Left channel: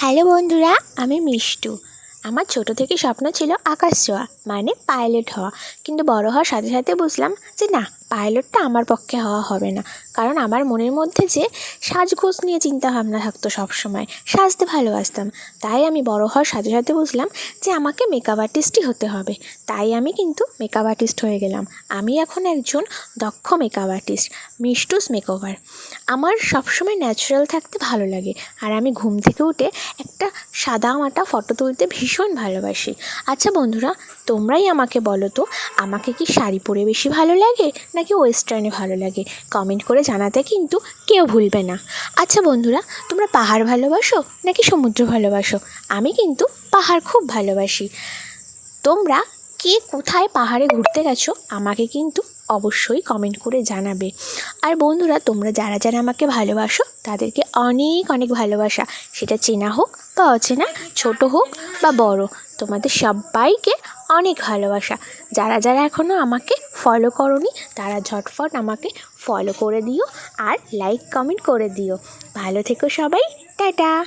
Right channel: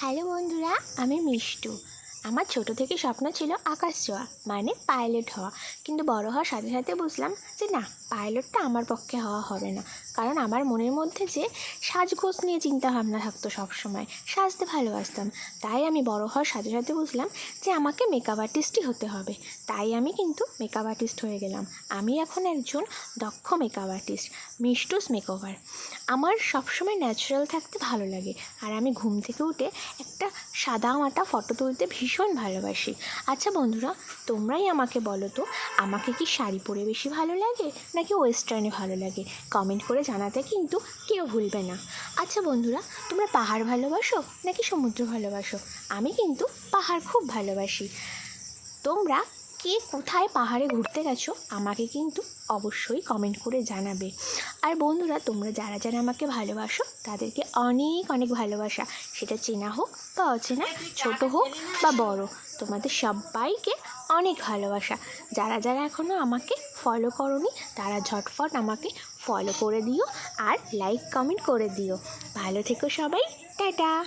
Hello বন্ধুরা আমি মিষ্টু। আমার ছোট থেকে স্বপ্ন ছিল আকাশ ছোঁয়া মানে পাইলট হওয়া। কিন্তু বড় হওয়ার সাথে সাথে বুঝলাম যে না, পাইলটটা আমার পক্ষে হওয়া হবে না। কারণ আমার মনের মধ্যে যে সাজগোজ নিয়ে চিন্তা ভাবনা থাকতো সবসময়, সাজতে ভালোবাসতাম। তাই আমি বড় হওয়ার সাথে সাথে বুঝলাম যে আমাকে মেকআপ আর্টিস্টই হতে হবে। তাই আমি কিন্তু মেকআপ আর্টিস্ট হয়ে গেলাম। আমি এখন একজন দক্ষ মেকআপ আর্টিস্ট মিষ্টুস মেকওভার আমার সবসময় ন্যাচারাল থাকতে ভালো লাগে। আর আমি ঘুম থেকে উঠে একটা সাদা মাটা ফটো তুলতে ভীষণ ভালোবাসি। আচ্ছা বন্ধুরা, তোমরাই আমাকে বলো তো, আমাকে কি শাড়ি পরে বেশি ভালো লাগে নাকি ওয়েস্টার্নে ভালো লাগে? কমেন্ট করে জানাতে কিন্তু কেউ ভুলবে না। আচ্ছা বন্ধুরা, তোমরা পাহাড় ভালোবাসো নাকি সমুদ্র ভালোবাসো? আমি কিন্তু পাহাড় খুব ভালোবাসি। তোমরা কে কোথায় পাহাড়ে ঘুরতে গেছো, আমাকে কিন্তু অবশ্যই কমেন্ট করে জানাবে। আর বন্ধুরা, তোমরা যারা যারা আমাকে ভালোবাসো, তাদেরকে অনেক অনেক ভালোবাসা। সেটা চেনা হোক বা অচেনা, ছোট হোক বা বড়, তোমাদের সবাইকে অনেক ভালোবাসা। যারা যারা এখনও আমাকে ফলো করনি, তারা ঝটফট আমাকে ফলো করে দিও আর লাইক কমেন্ট করে দিও। ভালো থেকো সবাই, টাটা!